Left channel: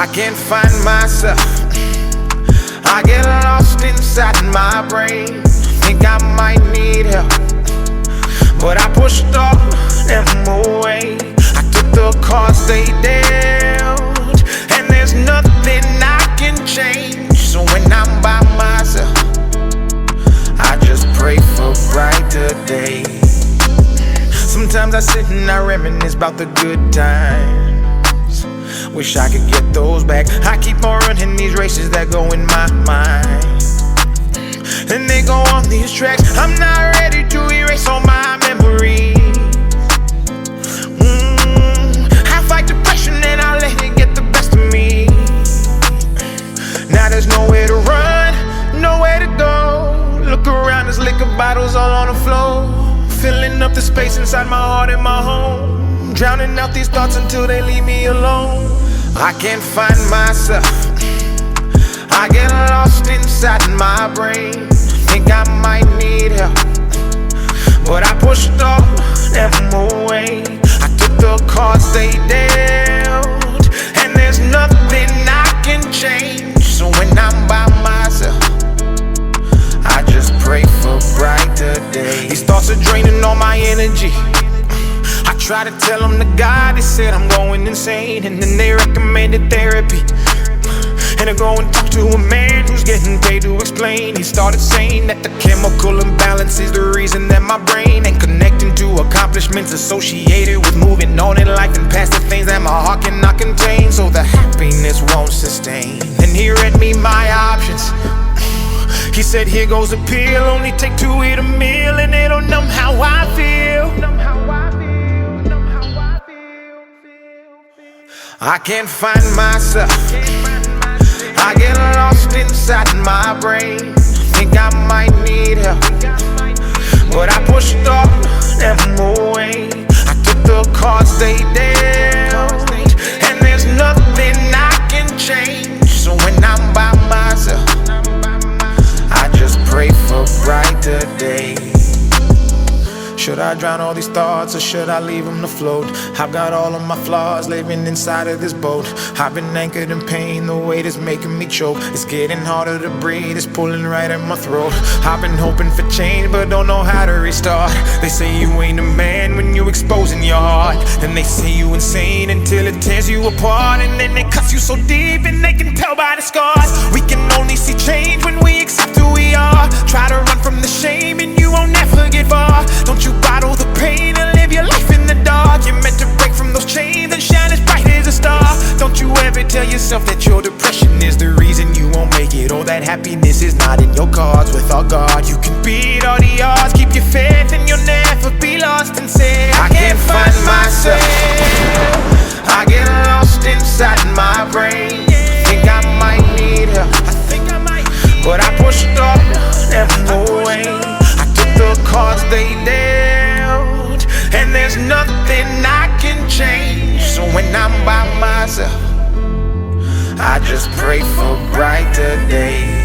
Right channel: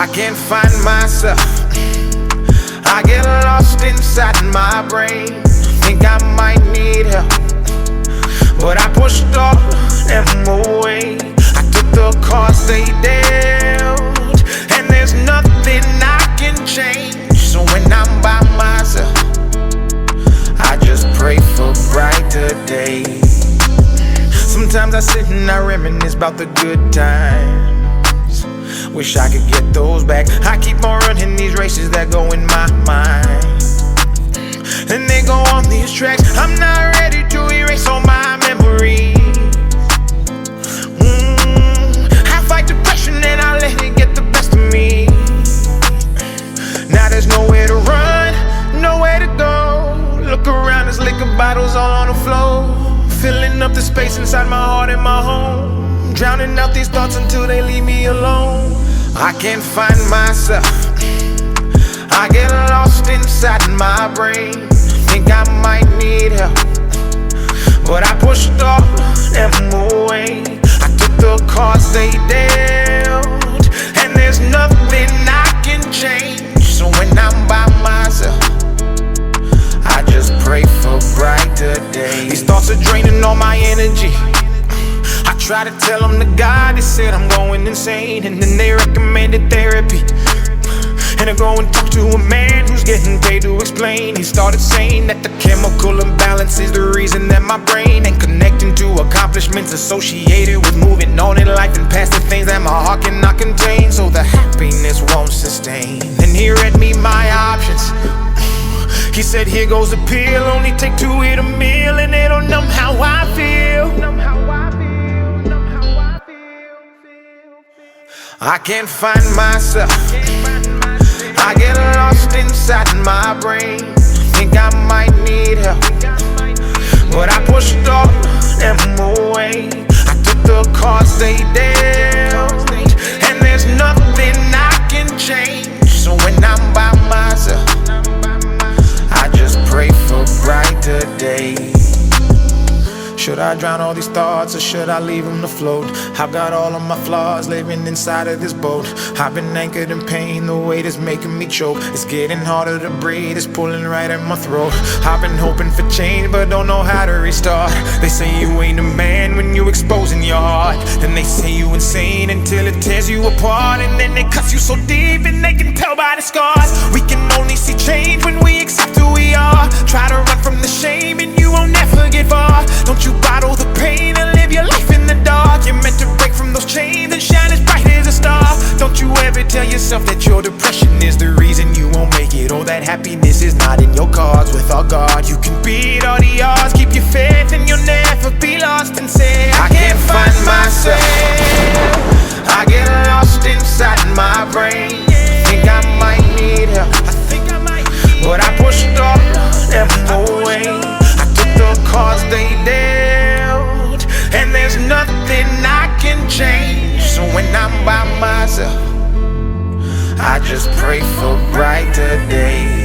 I can't find myself. I get lost inside my brain. Think I might need help, but I pushed all them away. I took the cards they dealt, and there's nothing I can change. So when I'm by myself, I just pray for brighter days. Sometimes I sit and I reminisce about the good times. Wish I could get those back. I keep on running these races that go in my mind, and they go on these tracks. I'm not ready to erase all my memories. I fight depression and I let it get the best of me. Now there's nowhere to run, nowhere to go. Look around, there's liquor bottles all on the floor, filling up the space inside my heart and my home, drowning out these thoughts until they leave me alone. I can't find myself. I get lost inside my brain. Think I might need help, but I pushed all them away. I took the cards they dealt, and there's nothing I can change. So when I'm by myself, I just pray for brighter days. These thoughts are draining all my energy. I try to tell them the God, they said I'm going insane, and then they recommended therapy. And I go and talk to a man who's getting paid to explain. He started saying that the chemical imbalance is the reason that my brain ain't connecting to accomplishments associated with moving on in life and past the things that my heart cannot contain, so the happiness won't sustain. And he read me my options. He said, here goes a pill, only take 2 to eat a meal, and it'll numb how I feel. I can't find myself. I get lost inside my brain. Think I might need help, but I pushed all them away. I took the cards they dealt, and there's nothing I can change. So when I'm by myself, I just pray for brighter days. Should I drown all these thoughts, or should I leave them to float? I've got all of my flaws living inside of this boat. I've been anchored in pain, the weight is making me choke. It's getting harder to breathe, it's pulling right at my throat. I've been hoping for change, but don't know how to restart. They say you ain't a man when you exposing your heart. Then they say you insane until it tears you apart. And then it cuts you so deep and they can tell by the scars. We can only see change when we accept who we are. Try to run from the shame and you won't ever get far. Don't you bottle the pain and live your life in the dark. You're meant to break from those chains and shine as bright as a star. Don't you ever tell yourself that your depression is the reason you won't make it, or that happiness is not in your cards. With our God, you can beat all the odds. Keep your faith and you'll never be lost, and say, I can't find myself. I get lost inside my brain. Think I might need help, but I pushed all them away. I took the cards they dealt, and there's nothing I can change. So when I'm by myself, I just pray for brighter days.